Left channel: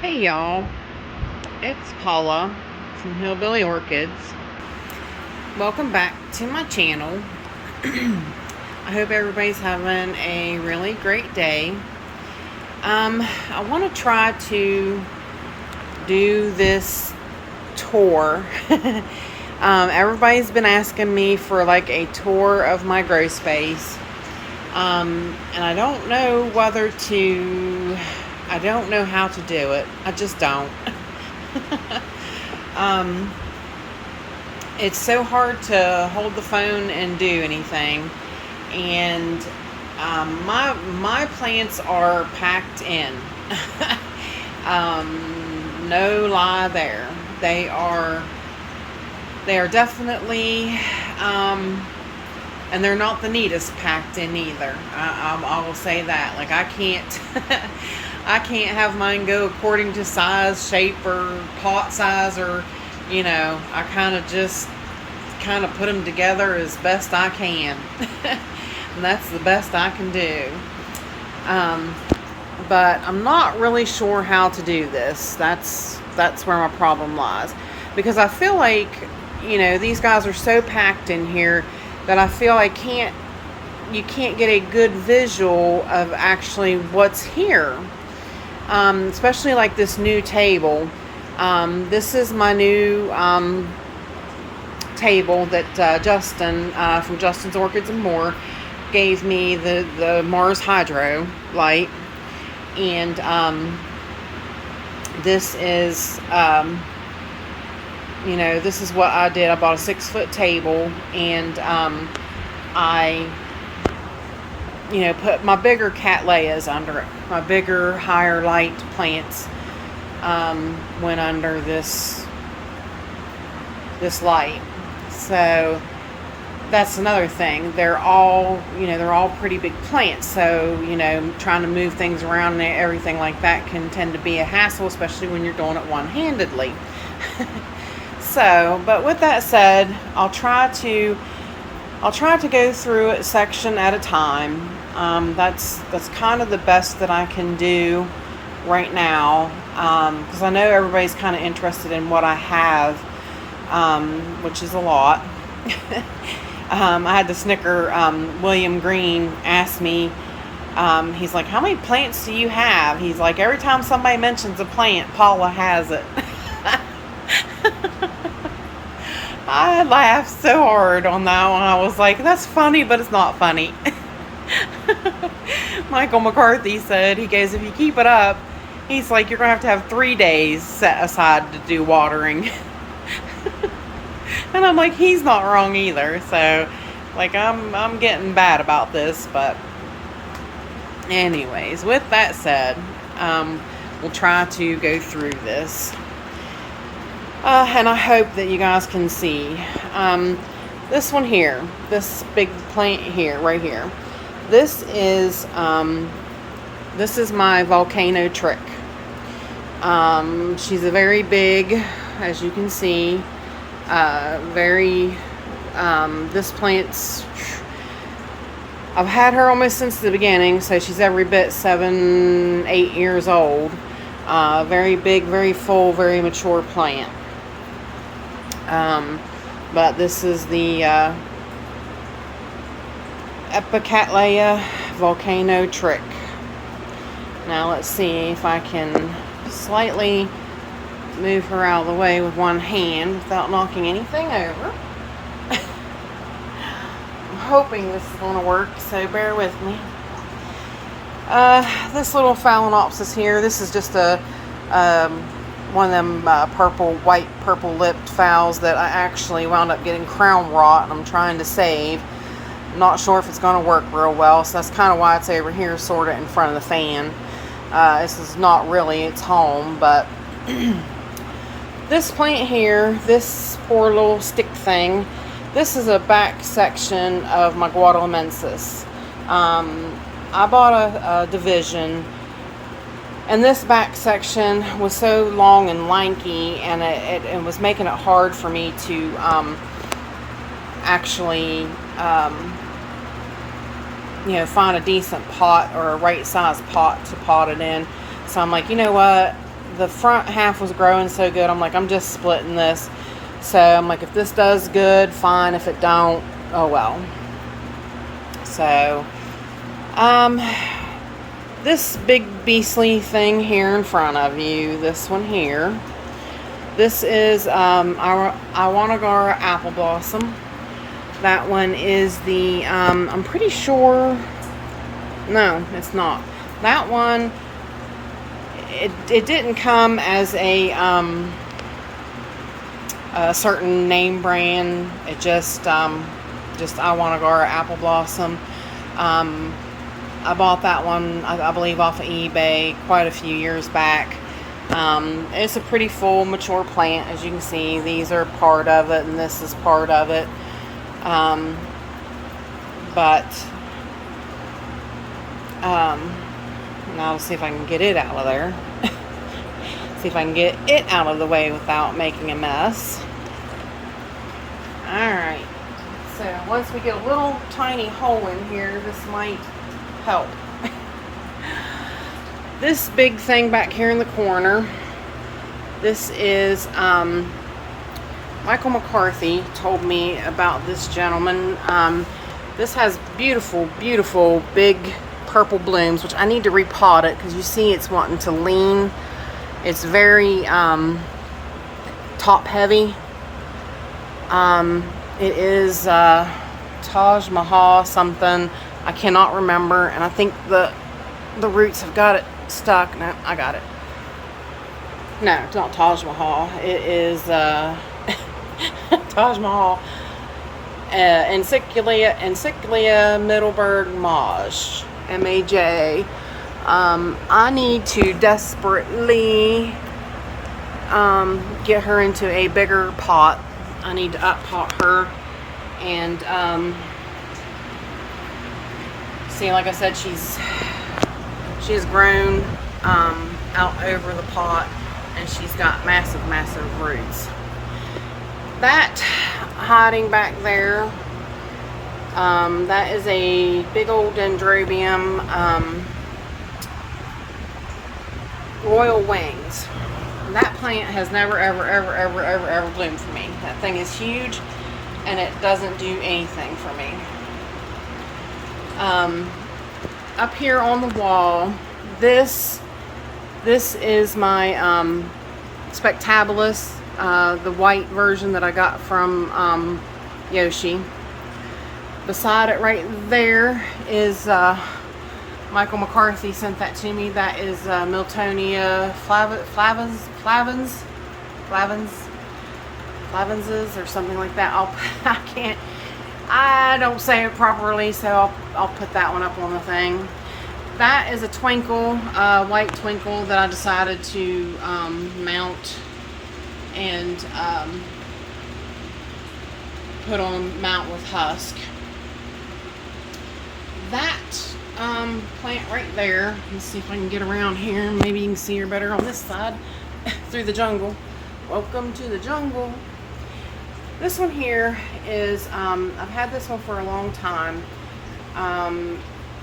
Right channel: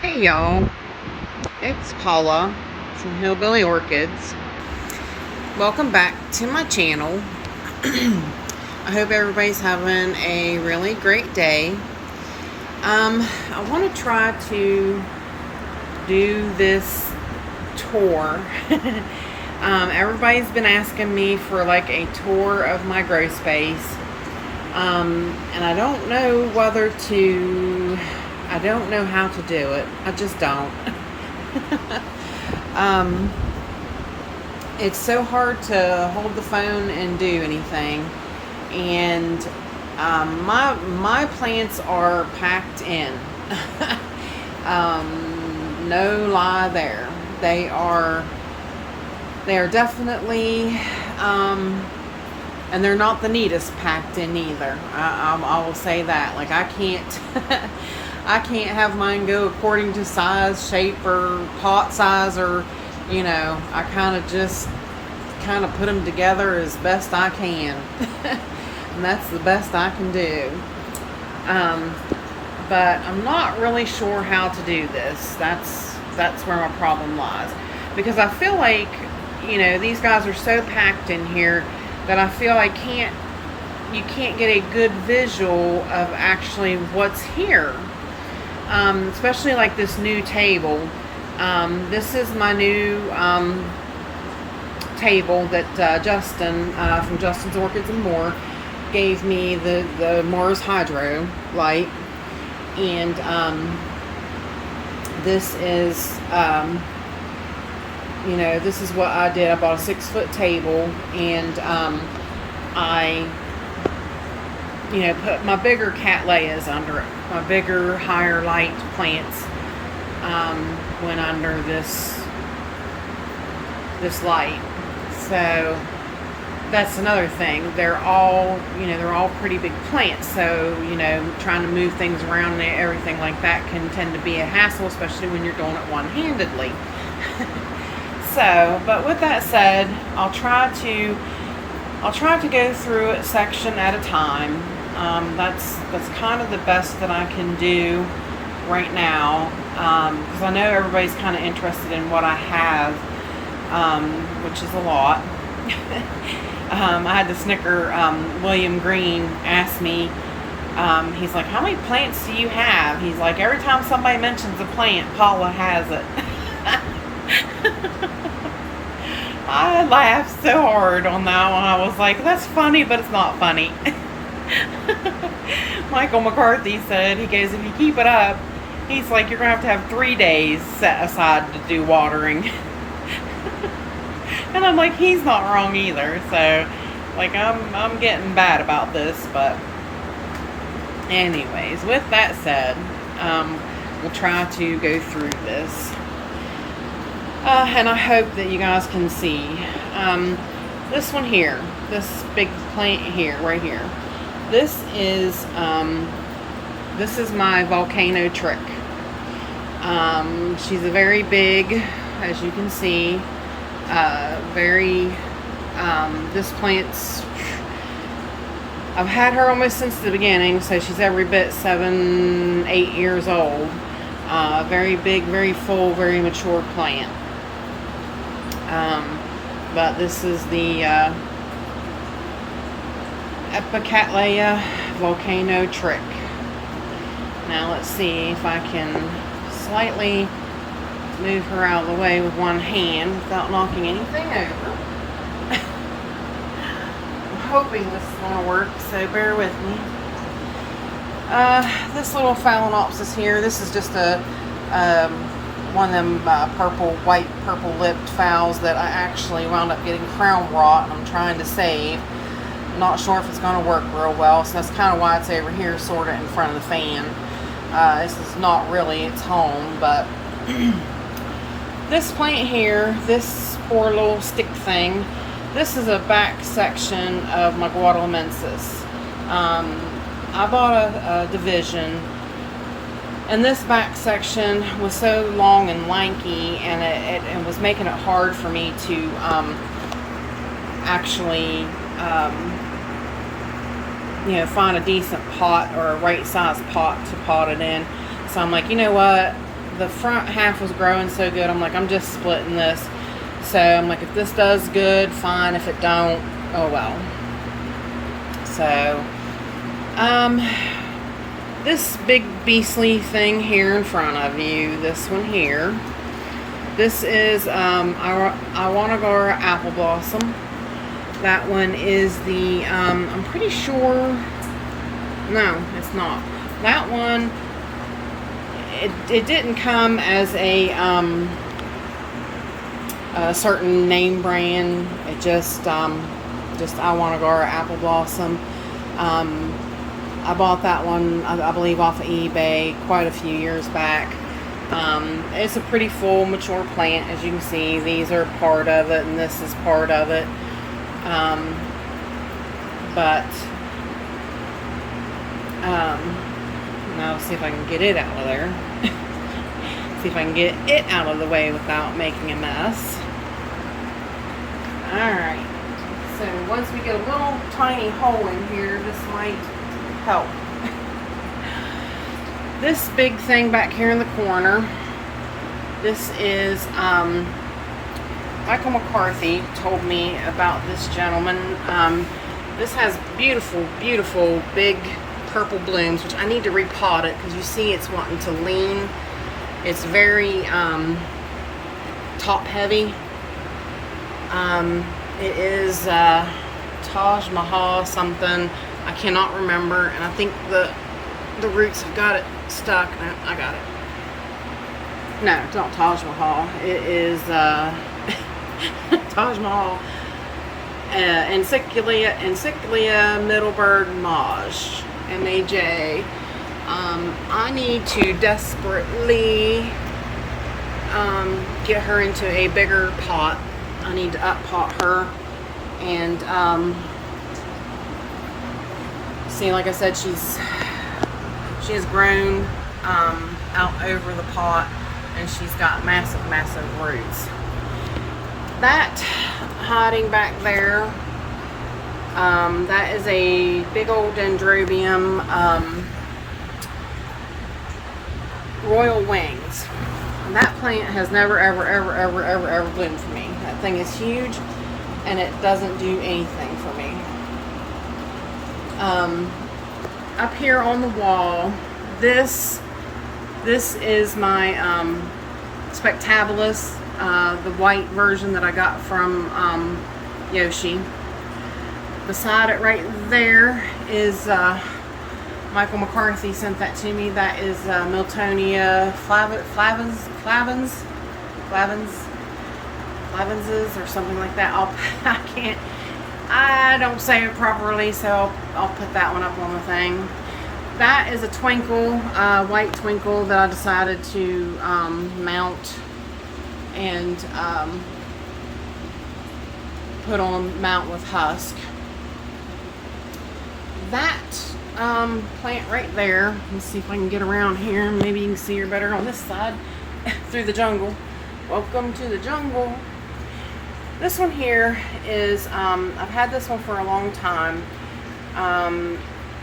Hey y'all, it's Paula from Hillbilly Orchids. Welcome back to my channel. I hope everybody's having a really great day. I want to try to do this tour. Everybody's been asking me for like a tour of my grow space. And I don't know I don't know how to do it. I just don't. It's so hard to hold the phone and do anything. And my plants are packed in. No lie there. They are definitely, and they're not the neatest packed in either. I will say that. Like I can't I can't have mine go according to size, shape, or pot size, or I kind of put them together as best I can. And that's the best I can do. But I'm not really sure how to do this. That's where my problem lies, because I feel like these guys are so packed in here that I feel you can't get a good visual of actually what's here. Especially like this new table. This is my new table that Justin from Justin's Orchids and More gave me, the Mars Hydro light. And this is this is what I did. I bought a 6-foot table, and I put my bigger Cattleyas under it. My bigger, higher light plants went under this light. So that's another thing. They're all pretty big plants. So trying to move things around and everything like that can tend to be a hassle, especially when you're doing it one-handedly. So, but with that said, I'll try to go through a section at a time. That's kind of the best that I can do right now, because I know everybody's kind of interested in what I have, which is a lot. I had to snicker. William Green asked me, he's like, how many plants do you have? He's like, every time somebody mentions a plant, Paula has it. I laughed so hard on that one. I was like, that's funny, but it's not funny. Michael McCarthy said, he goes, if you keep it up, he's like, you're going to have 3 days set aside to do watering. And I'm like, he's not wrong either. So, like, I'm getting bad about this. But anyways, with that said, we'll try to go through this. And I hope that you guys can see. This one here, this big plant here, right here. This is my Volcano Trick. She's a very big, as you can see, this plant's, I've had her almost since the beginning, so she's every bit 7-8 years old. Very big, very full, very mature plant. But this is the Cattleya Volcano Trick. Now let's see if I can slightly move her out of the way with one hand without knocking anything over. I'm hoping this is going to work, so bear with me. This little Phalaenopsis here, this is just a one of them white purple lipped phals that I actually wound up getting crown rot, and I'm trying to save. I'm not sure if it's going to work real well, so that's kind of why it's over here sort of in front of the fan. This is not really its home, but this plant here, this poor little stick thing, this is a back section of my Guadalumensis. I bought a division, and this back section was so long and lanky, and it was making it hard for me to actually find a decent pot or a right size pot to pot it in. So I'm like, you know what, the front half was growing so good. I'm like, I'm just splitting this. So I'm like, if this does good, fine. If it don't, oh well. So, this big beastly thing here in front of you, this one here, this is our Iwanagara apple blossom. That one is the, I'm pretty sure, no, it's not. That one, it didn't come as a certain name brand. It just Iwanagara apple blossom. I bought that one, I believe, off of eBay quite a few years back. It's a pretty full, mature plant. As you can see, these are part of it, and this is part of it. Now let's see if I can get it out of there. See if I can get it out of the way without making a mess. Alright, so once we get a little tiny hole in here, this might help. This big thing back here in the corner, this is Michael McCarthy told me about this gentleman. This has beautiful, beautiful big purple blooms, which I need to repot it because you see it's wanting to lean. It's very top heavy. It is Taj Mahal something. I cannot remember, and I think the roots have got it stuck. No, I got it. No, it's not Taj Mahal. It is Taj Mahal. Encyclia Middleburg Maj. M-A-J. I need to desperately get her into a bigger pot. I need to up pot her, and see, like I said, she has grown out over the pot, and she's got massive, massive roots. That hiding back there, that is a big old Dendrobium Royal Wings. And that plant has never, ever bloomed for me. That thing is huge, and it doesn't do anything for me. Up here on the wall, this is my Spectabilis, the white version that I got from Yoshi. Beside it right there is Michael McCarthy sent that to me. That is Milonia flavenses or something like that. I don't say it properly, so I'll put that one up on the thing. That is a twinkle, white twinkle that I decided to mount and put on mount with husk. That plant right there, let's see if I can get around here. Maybe you can see her better on this side through the jungle. Welcome to the jungle. This one here is, I've had this one for a long time.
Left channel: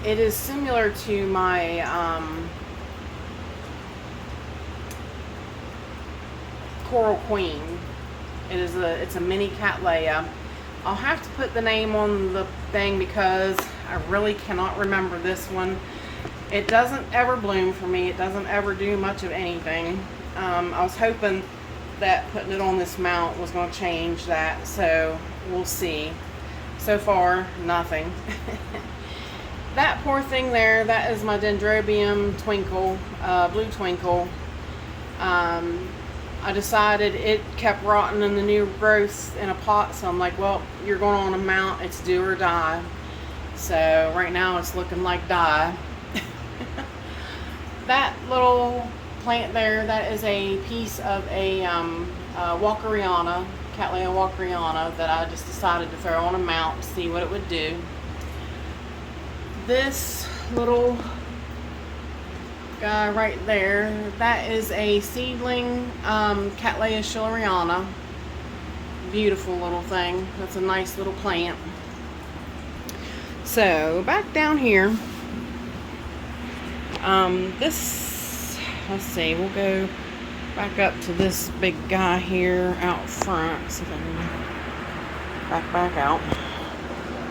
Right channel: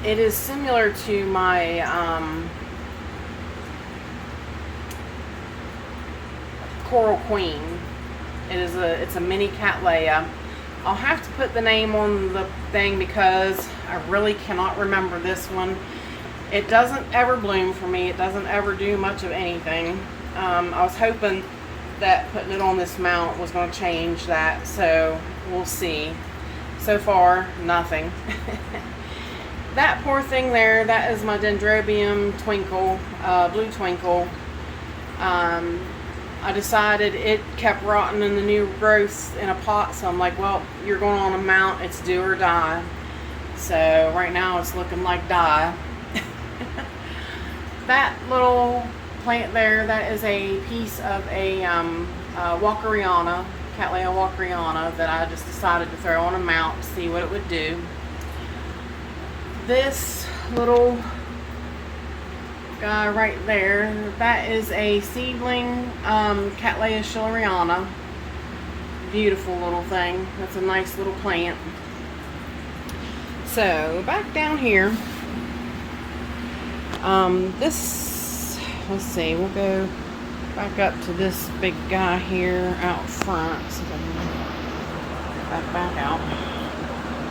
It is similar to my Coral Queen. It's a mini Cattleya. I'll have to put the name on the thing because I really cannot remember this one. It doesn't ever bloom for me. It doesn't ever do much of anything. I was hoping that putting it on this mount was going to change that, so we'll see. So far, nothing. That poor thing there, that is my Dendrobium Twinkle, Blue Twinkle. I decided it kept rotting in the new growth in a pot, so I'm like, well, you're going on a mount, it's do or die. So right now it's looking like die. That little plant there, that is a piece of a Walkeriana, Cattleya Walkeriana, that I just decided to throw on a mount to see what it would do. This little guy right there, that is a seedling Cattleya Schilleriana. Beautiful little thing. That's a nice little plant. So back down here, this, let's see, we'll go back up to this big guy here out front. See if I can back out.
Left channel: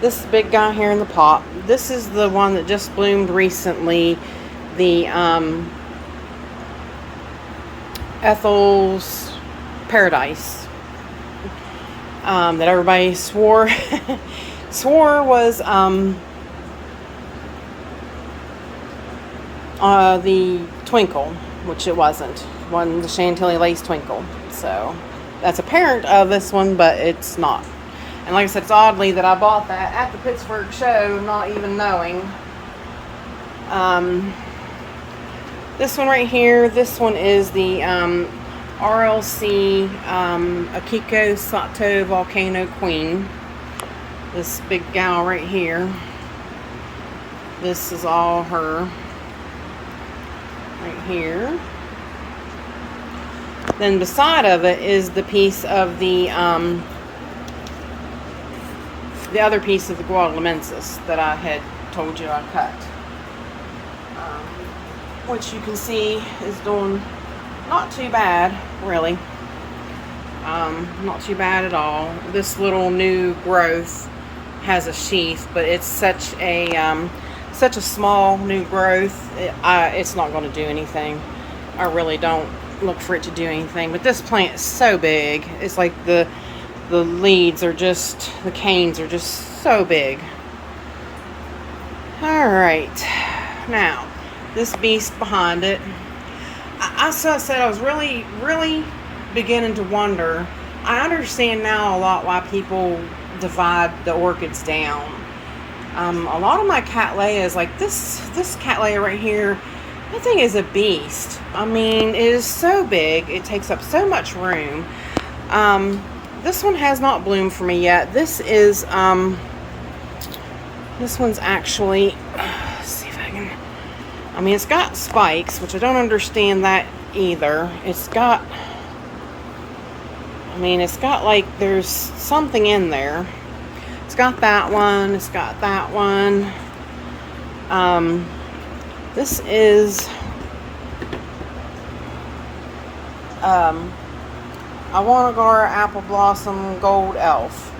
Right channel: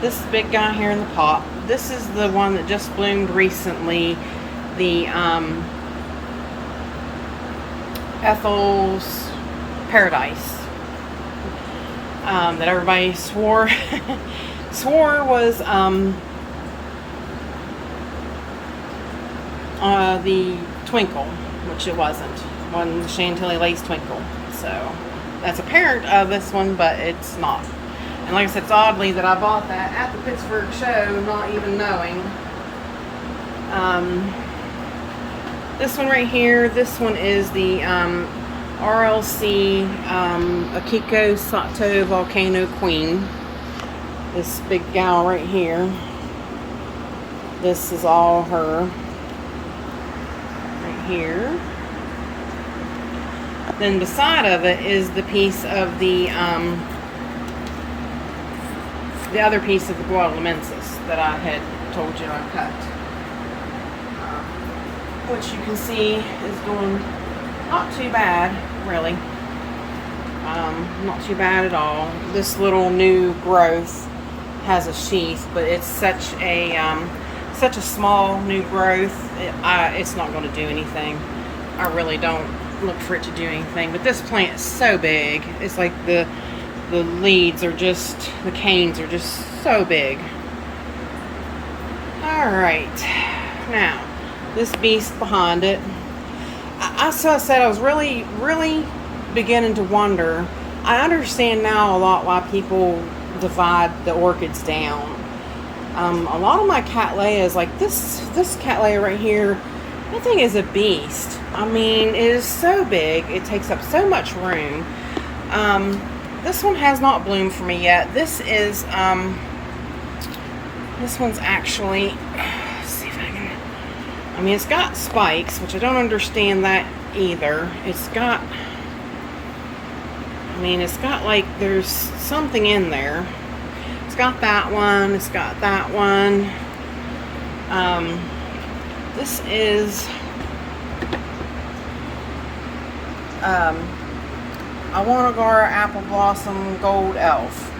This big guy here in the pot. This is the one that just bloomed recently. The Ethel's Paradise. That everybody swore was the Twinkle, which it wasn't. One, the Chantilly Lace Twinkle. So that's a parent of this one, but it's not. And like I said, it's oddly that I bought that at the Pittsburgh show, not even knowing. This one right here, this one is the RLC Akiko Sato Volcano Queen. This big gal right here. This is all her. Right here. Then beside of it is the piece of the other piece of the Guadalumensis that I had told you I cut. Which you can see is doing not too bad, really. Not too bad at all. This little new growth has a sheath, but it's such a small new growth. It's not going to do anything. I really don't look for it to do anything. But this plant is so big. It's like the leads are just, the canes are just so big. All right, now this beast behind it. I said I was really beginning to wonder. I understand now a lot why people divide the orchids down. A lot of my Cattleyas, like this Cattleya right here, that thing is a beast. I mean, it is so big. It takes up so much room. This one has not bloomed for me yet. This is, this one's actually, let's see if I can, I mean, it's got spikes, which I don't understand that either. It's got, I mean, it's got like, there's something in there. It's got that one. It's got that one. This is, Awanagar Apple Blossom Gold Elf.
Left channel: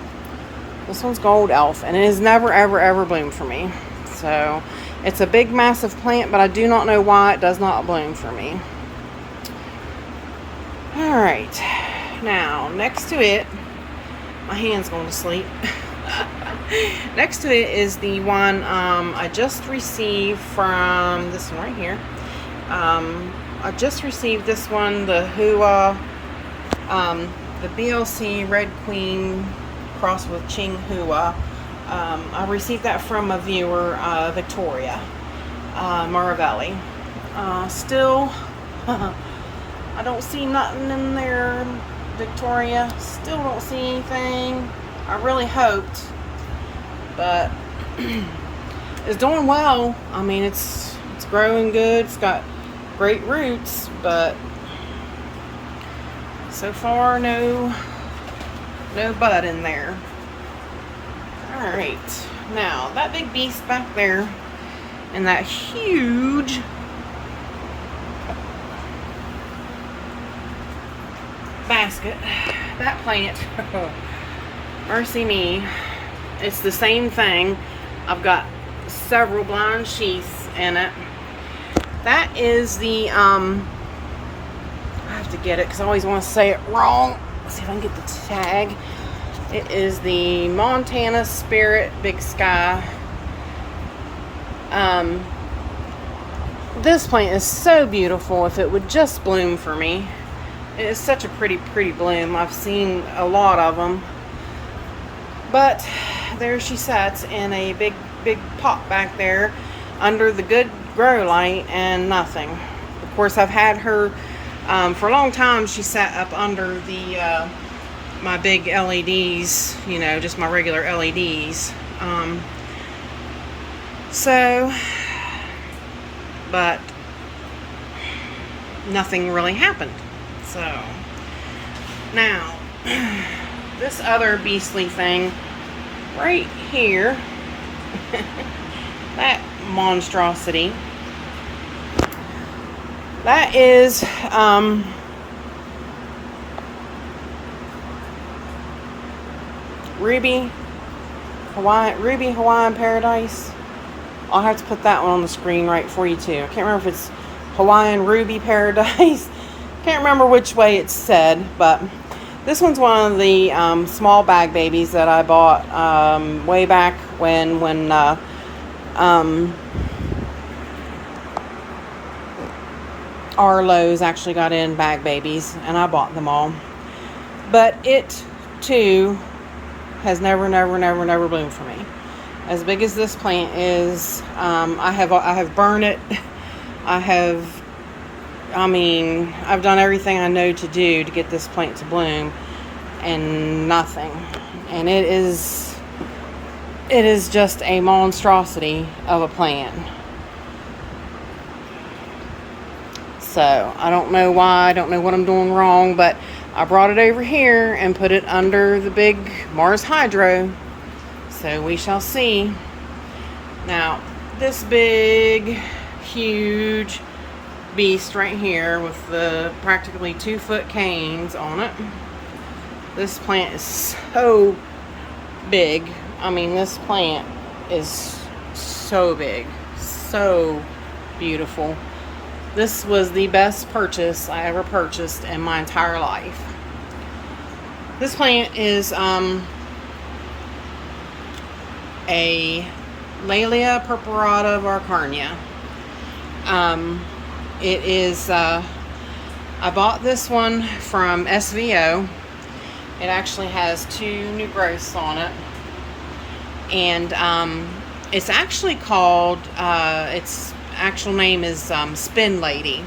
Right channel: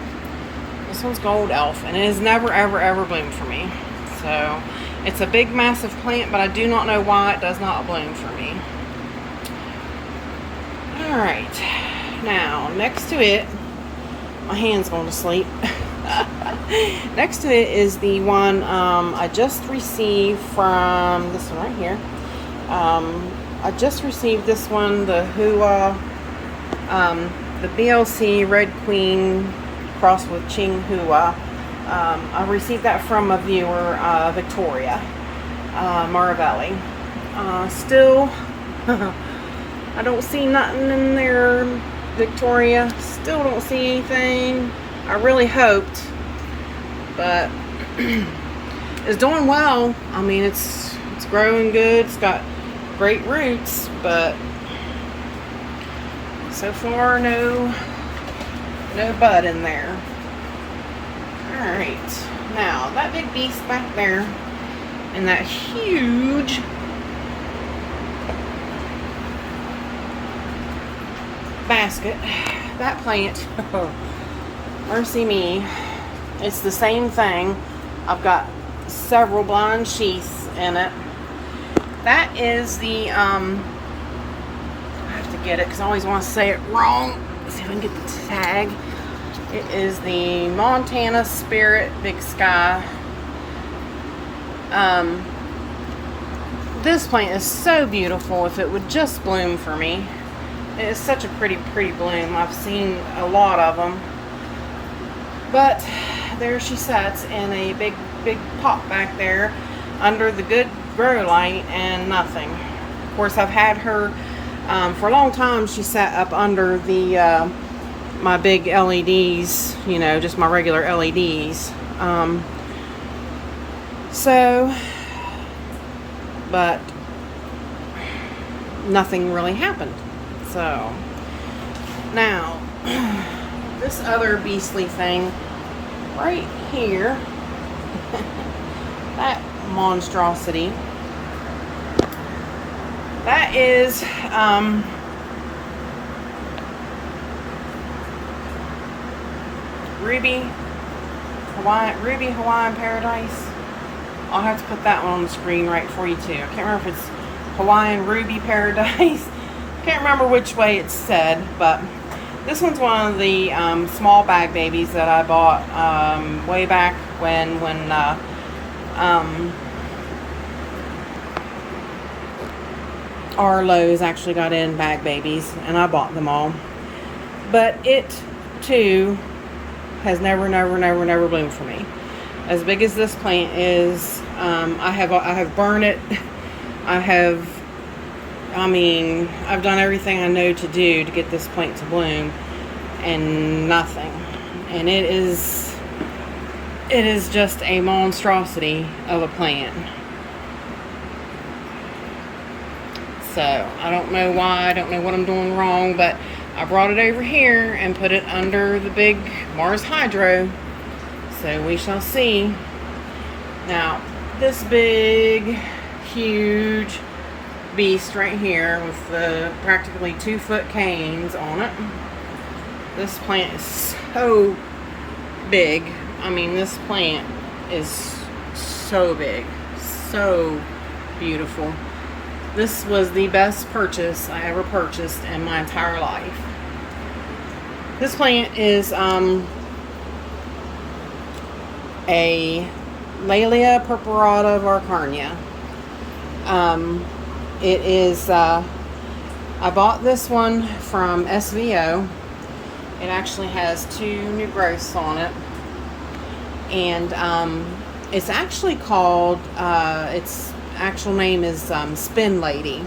This one's Gold Elf, and it has never, ever bloomed for me. So, it's a big, massive plant, but I do not know why it does not bloom for me. Alright. Now, next to it, my hand's going to sleep. Next to it is the one I just received from this one right here. I just received this one, the Hua, the BLC Red Queen crossed with Ching Hua. I received that from a viewer, Victoria Maravelli. Still, I don't see nothing in there, Victoria. Still don't see anything. I really hoped, but it's doing well. I mean, it's growing good. It's got great roots, but so far no bud in there. All right, now that big beast back there and that huge basket, that plant, mercy me, it's the same thing. I've got several blind sheaths in it. That is the, I have to get it because I always want to say it wrong. Let's see if I can get the tag. It is the Montana Spirit Big Sky. This plant is so beautiful. If it would just bloom for me. It is such a pretty bloom. I've seen a lot of them. But there she sits in a big pot back there under the good grow light and nothing. Of course, I've had her for a long time. She sat up under the my big LEDs, you know, just my regular LEDs. But nothing really happened. So now this other beastly thing right here, that monstrosity, that is Ruby Hawaiian Paradise. I'll have to put that one on the screen right for you too. I can't remember if it's Hawaiian Ruby Paradise. Can't remember which way it's said, but this one's one of the small bag babies that I bought way back when Arlo's actually got in bag babies, and I bought them all. But it too has never bloomed for me. As big as this plant is, I have burned it. I've done everything I know to do to get this plant to bloom, and nothing. And it is just a monstrosity of a plant. So I don't know why, I don't know what I'm doing wrong, but I brought it over here and put it under the big Mars Hydro. So we shall see. Now, this big, huge beast right here with the practically 2-foot canes on it. This plant is so big. I mean, this plant is so big, so beautiful. This was the best purchase I ever purchased in my entire life. This plant is a Laelia purpurata varcarnia. It is, I bought this one from SVO. It actually has 2 new growths on it. And it's actually called, its actual name is Spin Lady.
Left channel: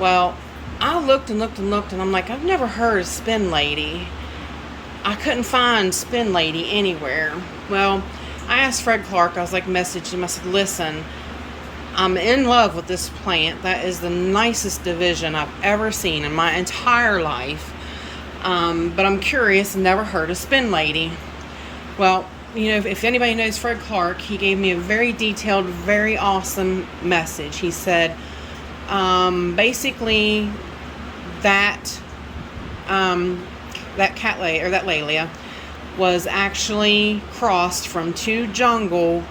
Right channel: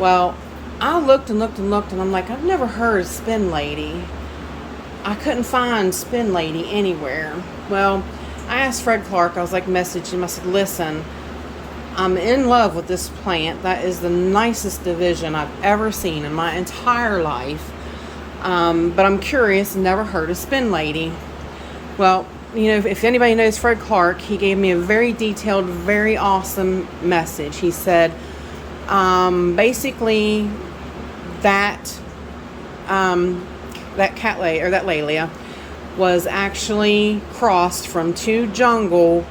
Well, I looked and I'm like, I've never heard of Spin Lady. I couldn't find Spin Lady anywhere. Well, I asked Fred Clark, I was like, message him, I said, listen, I'm in love with this plant. That is the nicest division I've ever seen in my entire life. But I'm curious, never heard of Spin Lady. Well, you know, if anybody knows Fred Clark, he gave me a very detailed, very awesome message. He said, basically, that Cattleya, or that Laelia, was actually crossed from 2 jungle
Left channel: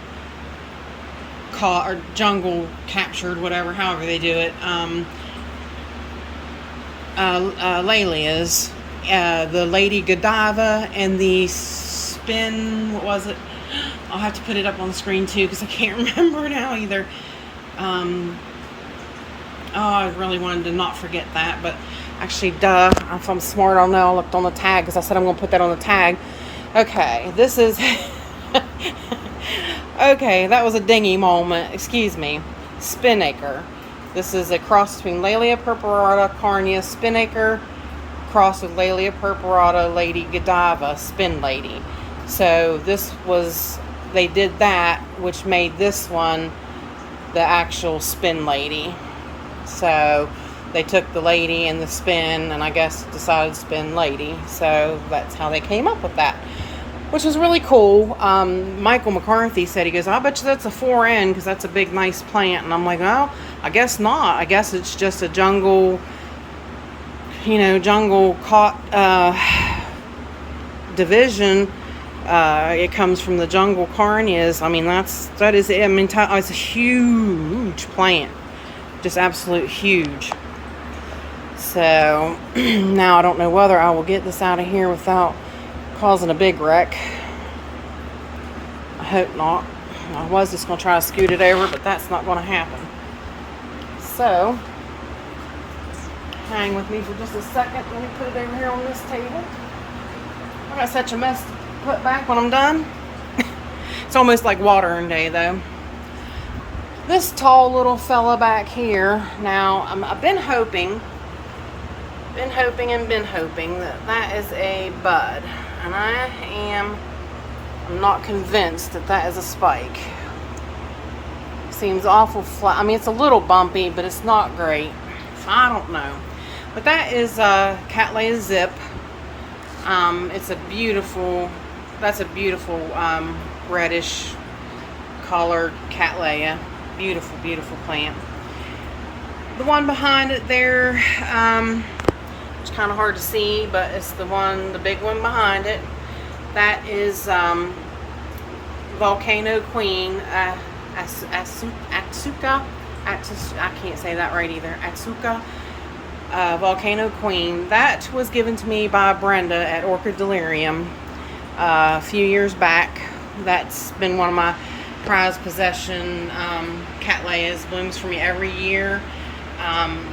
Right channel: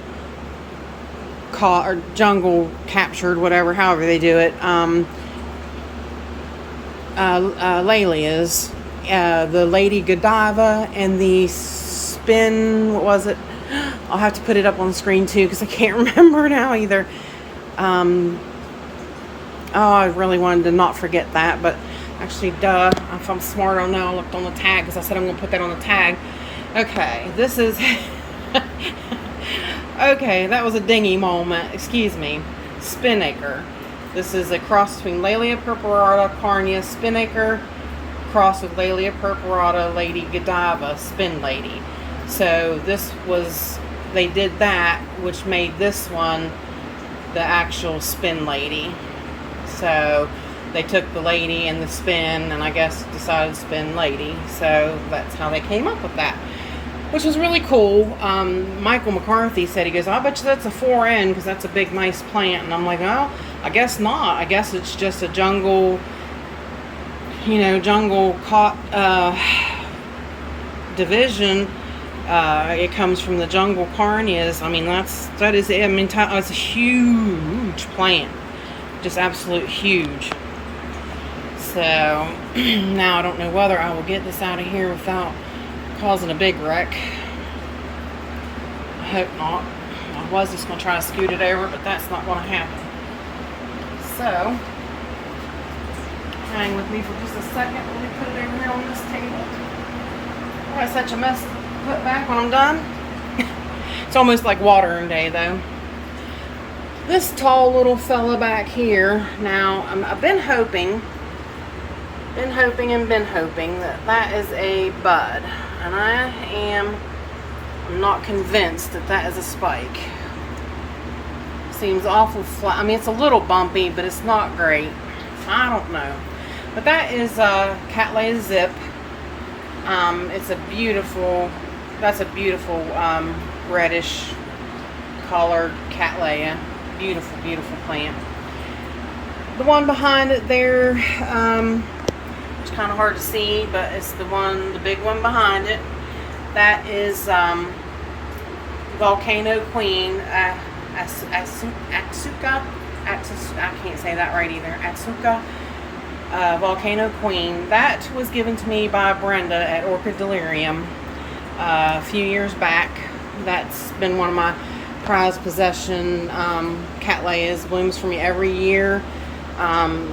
captured, whatever, however they do it, Laelias, the Lady Godiva and the what was it? I'll have to put it up on the screen too because I can't remember now either. I really wanted to not forget that, but actually, if I'm smart, I'll know. I looked on the tag because I said I'm going to put that on the tag. Okay, this is okay, that was a dingy moment. Excuse me. Spinnaker. This is a cross between Laelia purpurata carnia spinnaker cross with Laelia purpurata Lady Godiva Spin Lady. So they did that, which made this one the actual Spin Lady. So they took the lady and the spin, and I guess decided Spin Lady. So that's how they came up with that, which is really cool. Michael McCarthy said, he goes, I bet you that's a 4N because that's a big, nice plant. And I'm like, well, I guess not. I guess it's just a jungle, caught division. It comes from the jungle carnias. I mean, that is it. I mean, it's a huge plant, just absolute huge. So now I don't know whether I will get this out of here without causing a big wreck. I hope not. I was just going to try to scoot it over, but that's not going to happen. So, hang with me for just a second. Let me put it over here on this table. I got such a mess to put back when I'm done. It's almost like watering day, though. This tall little fella back here. Now, I've been hoping that is a bud. And I'm not convinced that is a spike. Seems awful flat. I mean, it's a little bumpy, but it's not great. So I don't know. But that is Cattleya Zip. It's a beautiful, reddish colored Cattleya. Beautiful, beautiful plant. The one behind it there, it's kind of hard to see, but it's the big one behind it. That is Volcano Queen, Atsuka, I can't say that right either, Atsuka Volcano Queen. That was given to me by Brenda at Orchid Delirium a few years back. That's been one of my prized possession Cattleyas. Blooms for me every year.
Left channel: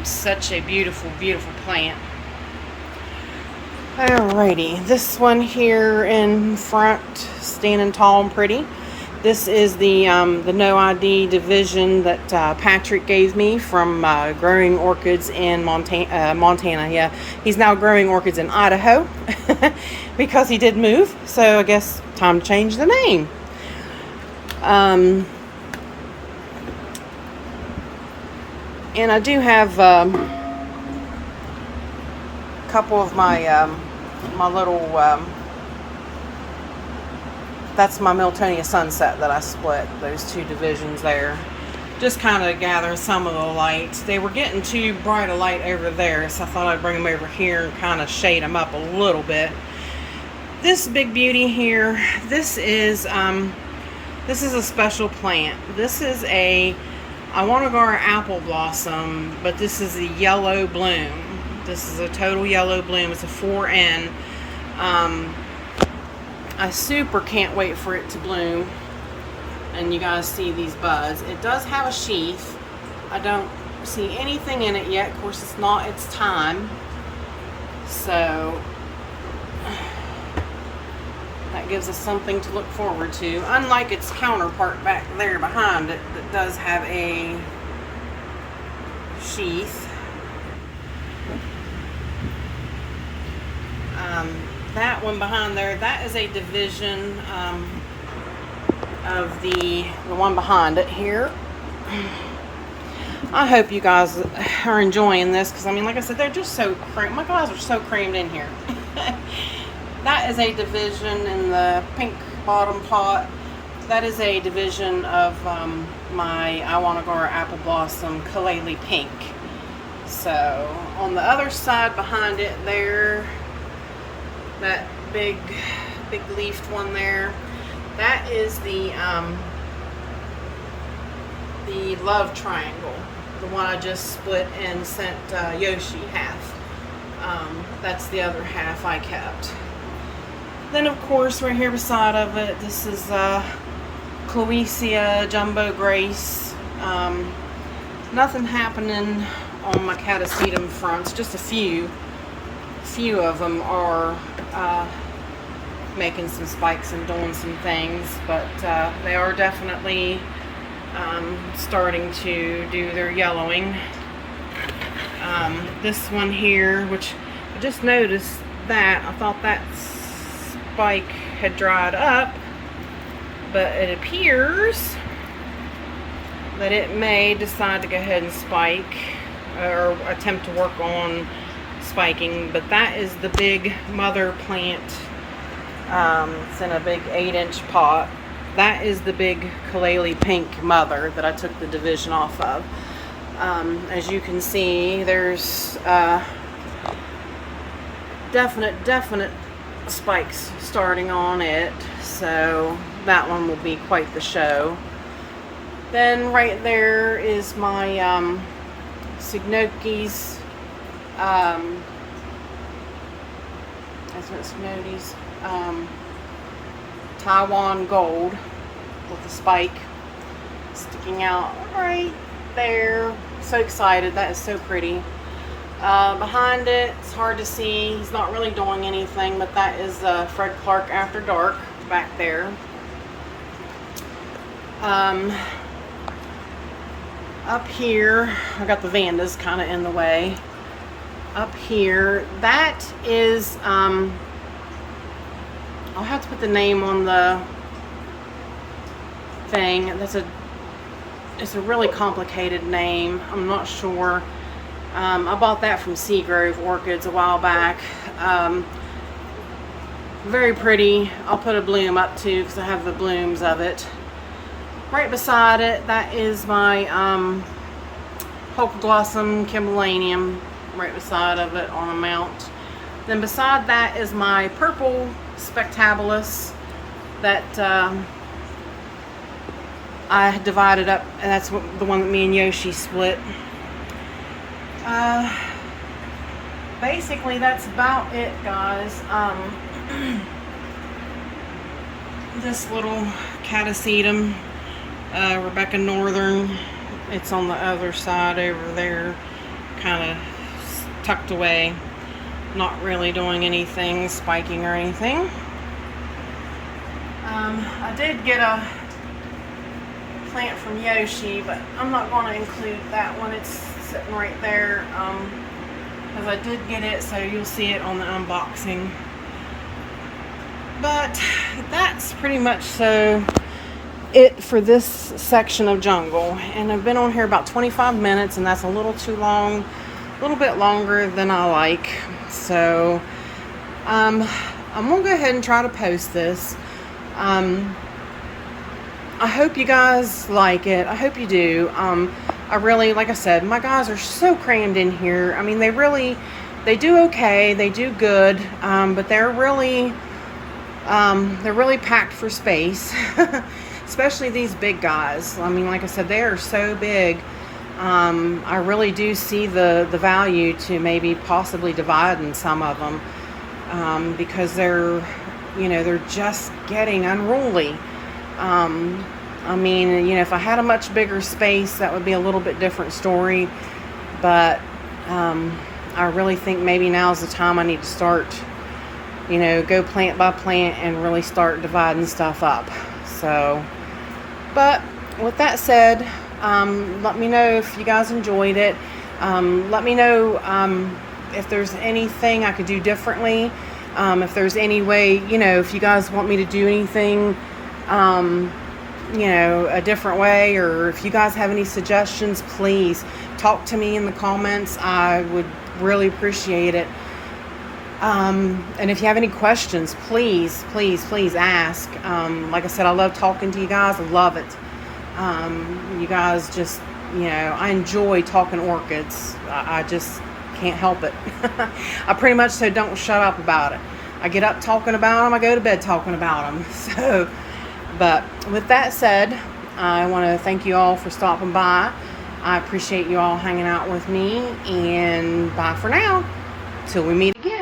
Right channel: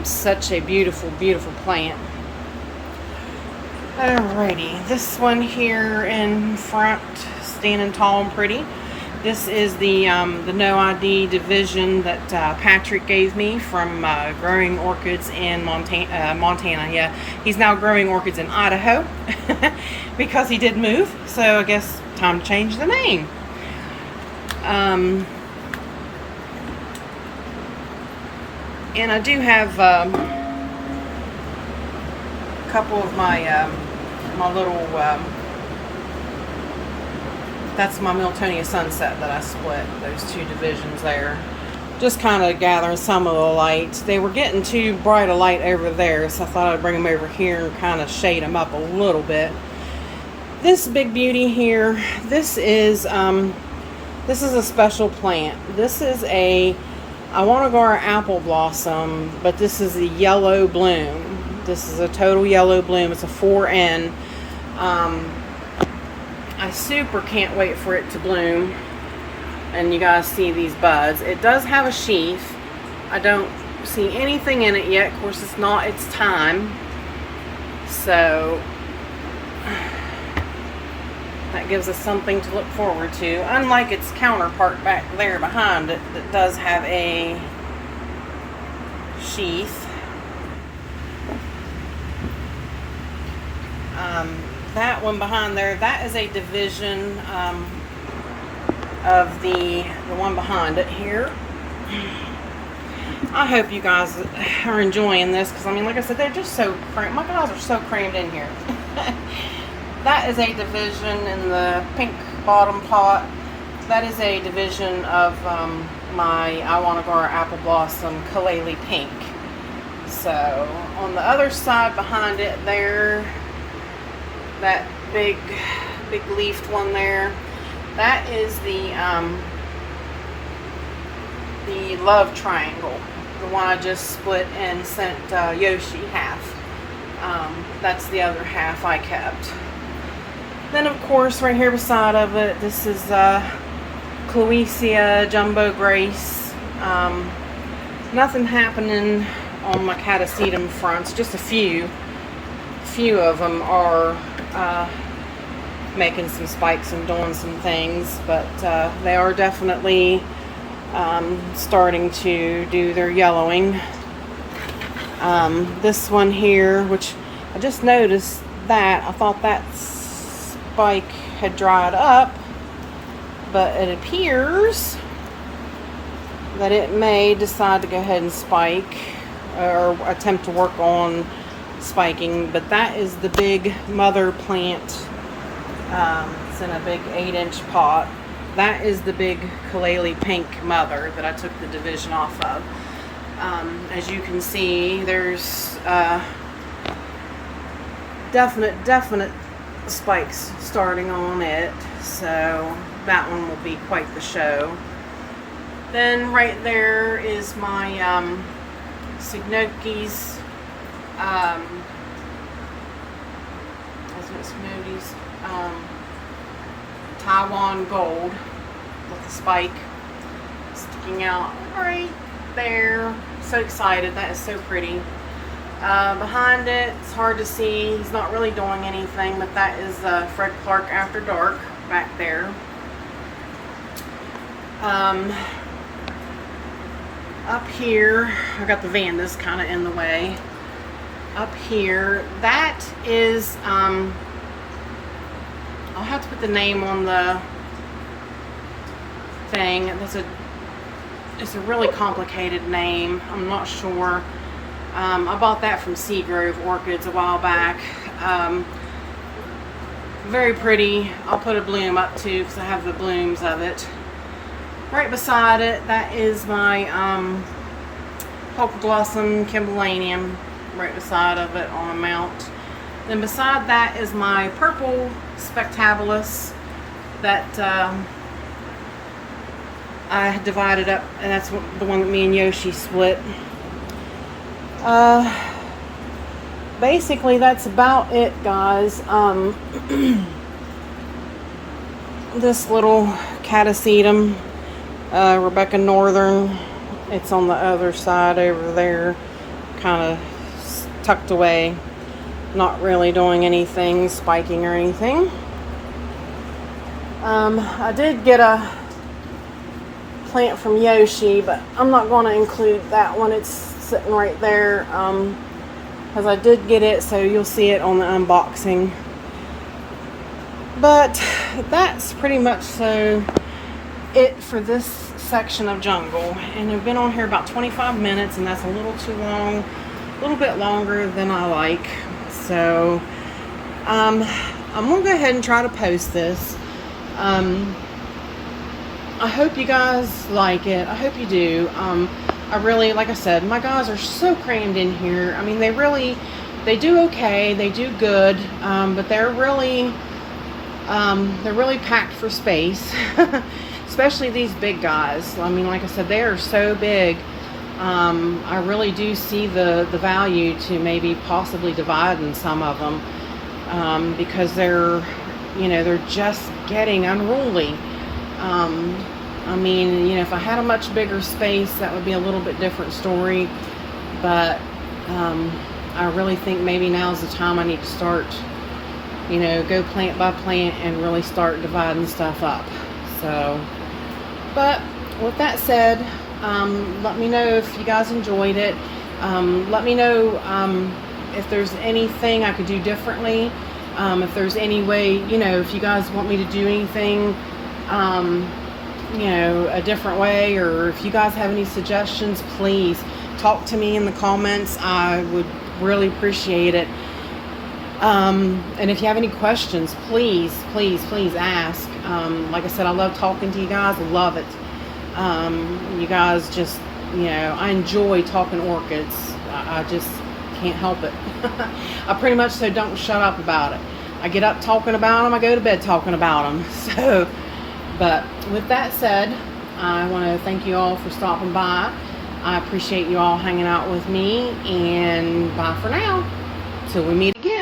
Such a beautiful, beautiful plant. Alrighty, this one here in front, standing tall and pretty. This is the No ID division that Patrick gave me from growing orchids in Montana. Yeah, he's now growing orchids in Idaho because he did move. So I guess time to change the name. And I do have couple of my my little that's my Milonia Sunset that I split, those two divisions there, just kind of gathering some of the light. They were getting too bright a light over there, so I thought I'd bring them over here and kind of shade them up a little bit. This big beauty here, this is a special plant. This is a Iwanagara apple blossom, but this is a yellow bloom. This is a total yellow bloom. It's a 4N. I super can't wait for it to bloom. And you guys see these buds. It does have a sheath. I don't see anything in it yet. Of course, it's not its time. So that gives us something to look forward to. Unlike its counterpart back there behind it that does have a sheath. That one behind there, that is a division of the one behind it here. I hope you guys are enjoying this, because I mean, like I said, they're just so crammed. My guys are so crammed in here. That is a division in the pink bottom pot. That is a division of my Iwanagara apple blossom Cattleya pink. So on the other side behind it there, that big leafed one there, that is the love triangle, the one I just split and sent Yoshi half. That's the other half I kept. Then of course right here beside of it, this is Cloecia Jumbo Grace. Nothing happening on my catasetum fronts, just a few of them are making some spikes and doing some things, but they are definitely starting to do their yellowing. This one here, which I just noticed that, I thought that spike had dried up, but it appears that it may decide to go ahead and spike or attempt to work on spiking. But that is the big mother plant. It's in a big 8-inch pot. That is the big Cattleya pink mother that I took the division off of. As you can see, there's definite spikes starting on it, so that one will be quite the show. Then right there is my Signoki's Taiwan Gold with the spike sticking out right there. So excited. That is so pretty. Behind it, it's hard to see. He's not really doing anything, but that is Fred Clark After Dark back there. Up here, I got the Vandas kind of in the way. Up here, that is, I'll have to put the name on the thing. It's a really complicated name. I'm not sure. I bought that from Seagrove Orchids a while back. Very pretty. I'll put a bloom up too because I have the blooms of it. Right beside it, that is my Polka Blossom Kimbalanium. Right beside of it on a mount. Then beside that is my purple Spectabilis that I had divided up, and that's the one that me and Yoshi split. Basically that's about it, guys. This little Catasetum, Rebecca Northern, it's on the other side over there, kind of tucked away, not really doing anything, spiking or anything. I did get a plant from Yoshi, but I'm not going to include that one. It's sitting right there, because I did get it, so you'll see it on the unboxing. But that's pretty much it for this section of jungle, and I've been on here about 25 minutes, and that's a little too long, a little bit longer than I like. So I'm gonna go ahead and try to post this. I hope you guys like it. I hope you do. I really, like I said, my guys are so crammed in here. I mean, they do okay, they do good, but they're really packed for space. Especially these big guys. I mean, like I said, they are so big. I really do see the value to maybe possibly dividing some of them, because they're just getting unruly. I mean, if I had a much bigger space, that would be a little bit different story. But I really think maybe now's the time I need to start, go plant by plant and really start dividing stuff up. So, but with that said, let me know if you guys enjoyed it. Let me know if there's anything I could do differently. If there's any way, if you guys want me to do anything, a different way, or if you guys have any suggestions, please talk to me in the comments. I would really appreciate it. And if you have any questions, please ask. Like I said, I love talking to you guys. I love it. You guys just, I enjoy talking orchids. I just can't help it. I pretty much don't shut up about it. I get up talking about them. I go to bed talking about them. So, but with that said, I want to thank you all for stopping by. I appreciate you all hanging out with me, and bye for now till we meet again.